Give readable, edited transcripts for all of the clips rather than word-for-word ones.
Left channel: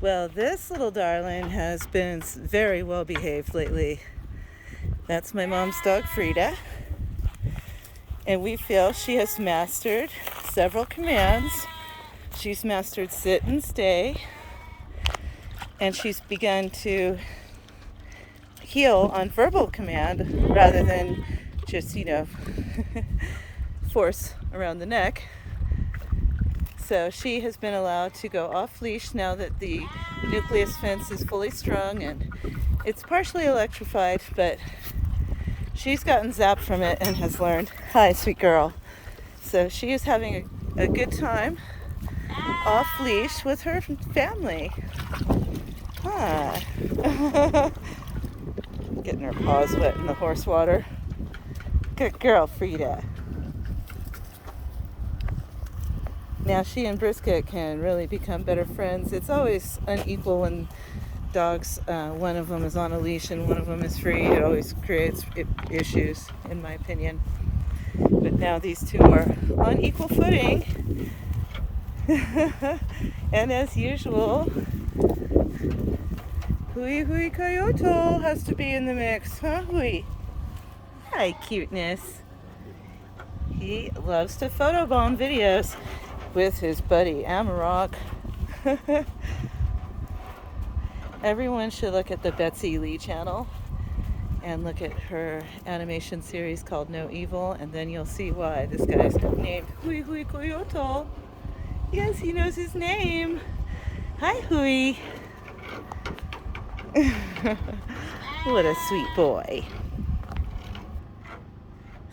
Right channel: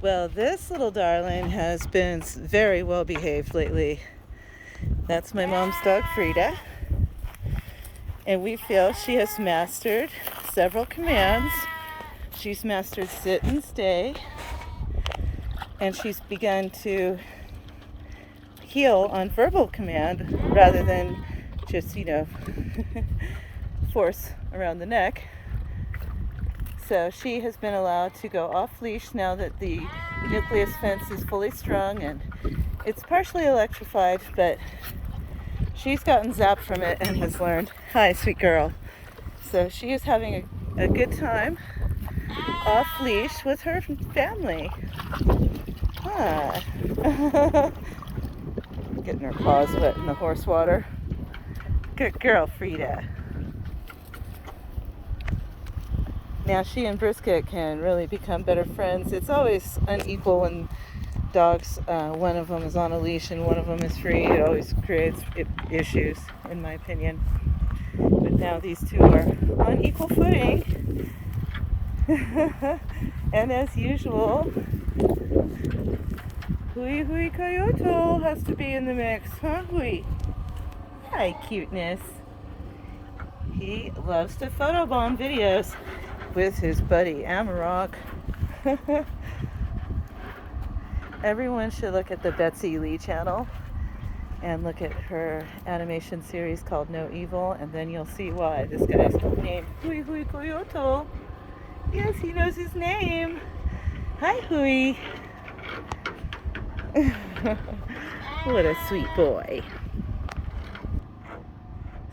Well, this little darling has been very well behaved lately. That's my mom's dog, Frieda. And we feel she has mastered several commands. She's mastered sit and stay. And she's begun to heel on verbal command rather than just, force around the neck. So she has been allowed to go off leash now that the nucleus fence is fully strung and it's partially electrified, but she's gotten zapped from it and has learned. Hi, sweet girl. So she is having a good time off leash with her family. Huh. Getting her paws wet in the horse water. Good girl, Frieda. Now she and Brisket can really become better friends. It's always unequal when dogs, one of them is on a leash and one of them is free. It always creates issues, in my opinion. But now these two are on equal footing. And as usual, Hui Hui Coyote has to be in the mix, huh, Hui? Hi, cuteness. He loves to photobomb videos with his buddy Amarok. Everyone should look at the Betsy Lee channel and look at her animation series called No Evil, and then you'll see why this guy's named Hui Hui Coyote. Yes, he knows his name. Hi, Hui. What a sweet boy.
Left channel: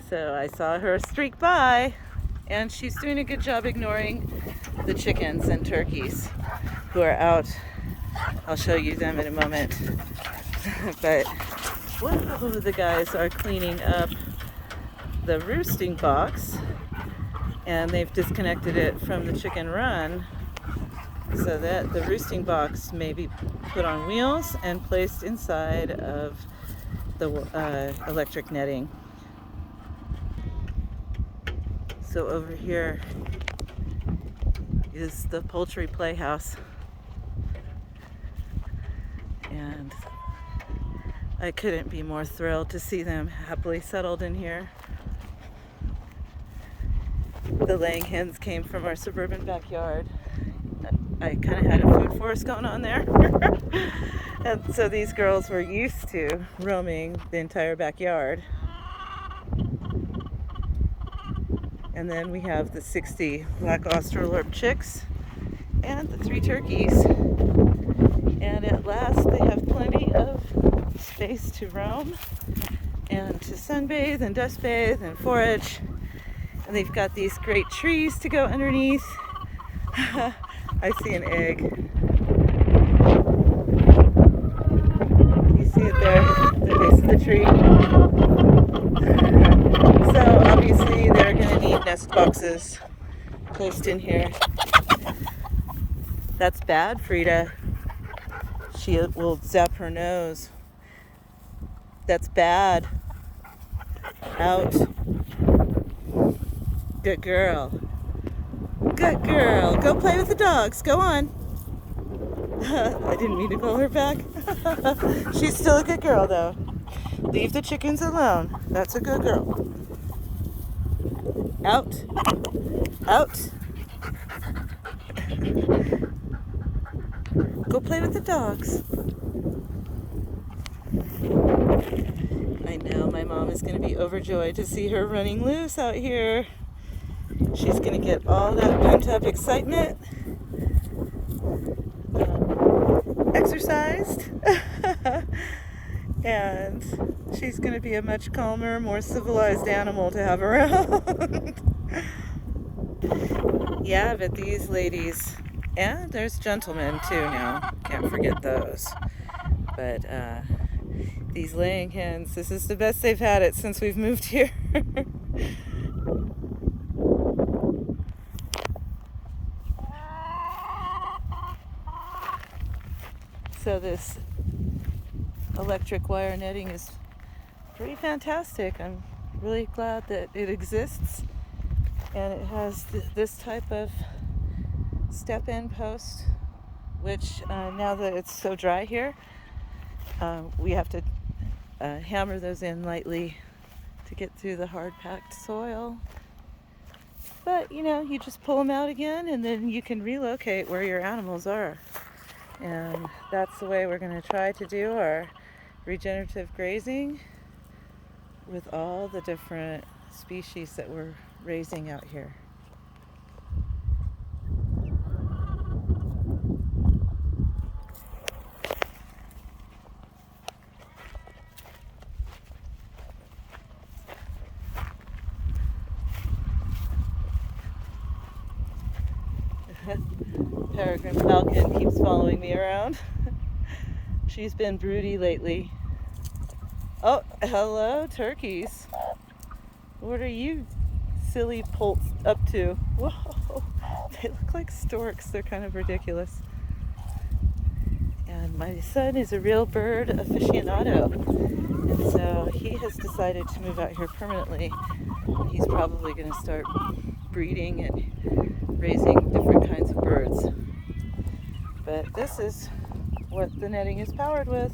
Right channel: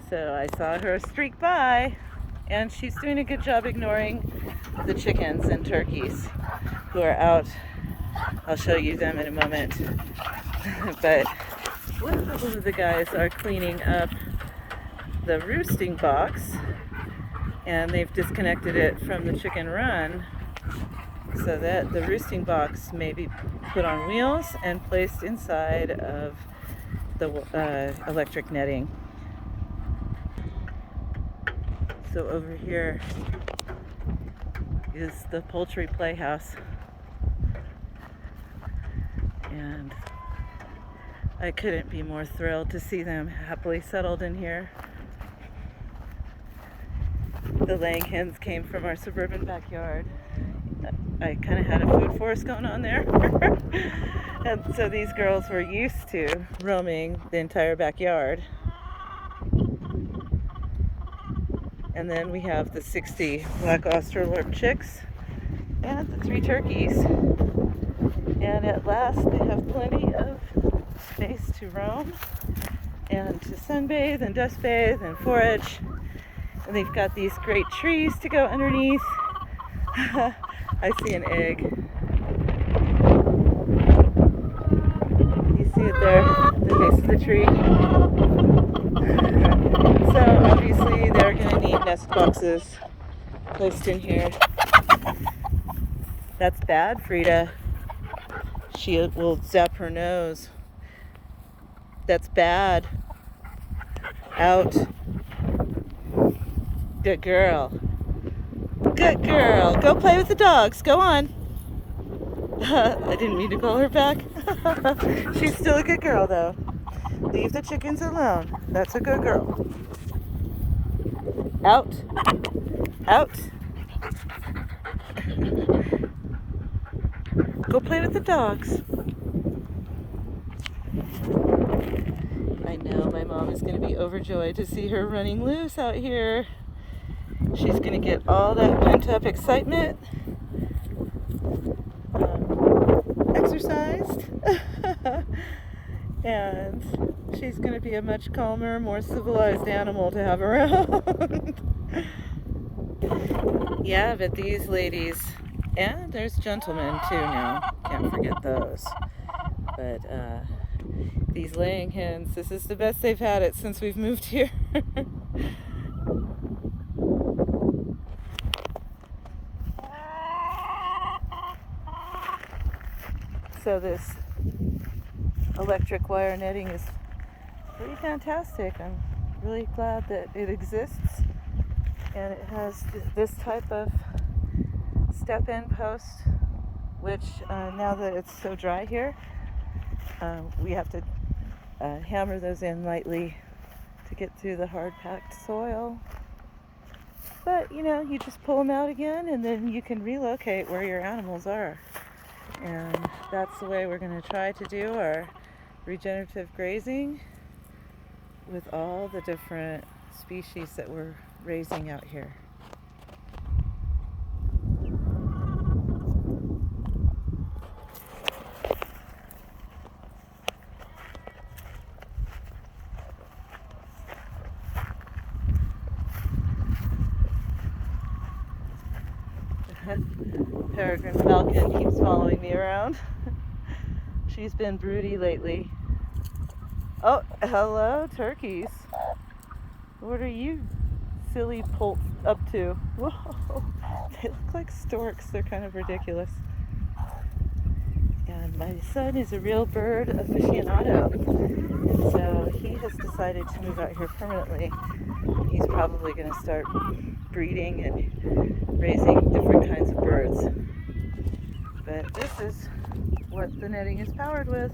So I saw her streak by, and she's doing a good job ignoring the chickens and turkeys who are out. I'll show you them in a moment. But one of the guys are cleaning up the roosting box, and they've disconnected it from the chicken run so that the roosting box may be put on wheels and placed inside of the electric netting. So over here is the poultry playhouse, and I couldn't be more thrilled to see them happily settled in here. The laying hens came from our suburban backyard. I kind of had a food forest going on there. And so these girls were used to roaming the entire backyard. And then we have the 60 black Australorp chicks and the 3 turkeys. And at last they have plenty of space to roam and to sunbathe and dust bathe and forage. And they've got these great trees to go underneath. I see an egg. You see it there, the base of the tree. So obviously they're going to need nest boxes placed in here. That's bad, Frieda. She will zap her nose. That's bad. Out. Good girl. Good girl. Go play with the dogs. Go on. I didn't mean to call her back. She's still a good girl, though. Leave the chickens alone. That's a good girl. Out. Out. Go play with the dogs. I know my mom is going to be overjoyed to see her running loose out here. She's going to get all that pent-up excitement exercised. And she's going to be a much calmer, more civilized animal to have around. Yeah, but these ladies, and there's gentlemen too now, can't forget those. But these laying hens, this is the best they've had it since we've moved here. So this electric wire netting is pretty fantastic. I'm really glad that it exists, and it has this type of step-in post which now that it's so dry here, we have to hammer those in lightly to get through the hard packed soil. But you know, you just pull them out again and then you can relocate where your animals are. And that's the way we're going to try to do our regenerative grazing with all the different species that we're raising out here. Peregrine falcon keeps following me around. She's been broody lately. Oh, hello, turkeys. What are you silly poults up to? Whoa, they look like storks. They're kind of ridiculous. And my son is a real bird aficionado. And so he has decided to move out here permanently. He's probably going to start breeding and raising different kinds of birds. But this is what the netting is powered with.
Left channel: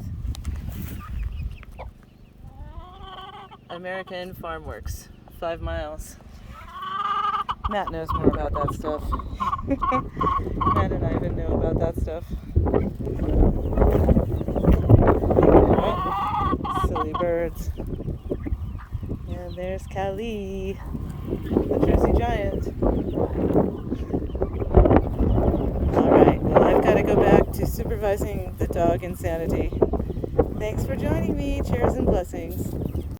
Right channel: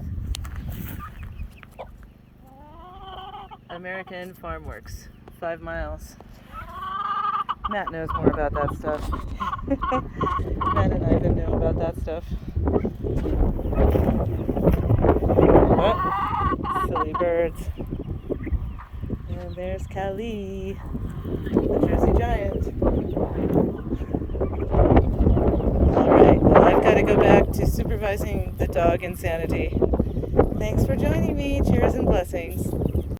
American Farm Works, 5 miles. Matt knows more about that stuff. Matt and Ivan know about that stuff. What? Silly birds. And there's Kali, the Jersey Giant. Alright, well, I've got to go back to supervising the dog insanity. Thanks for joining me. Cheers and blessings.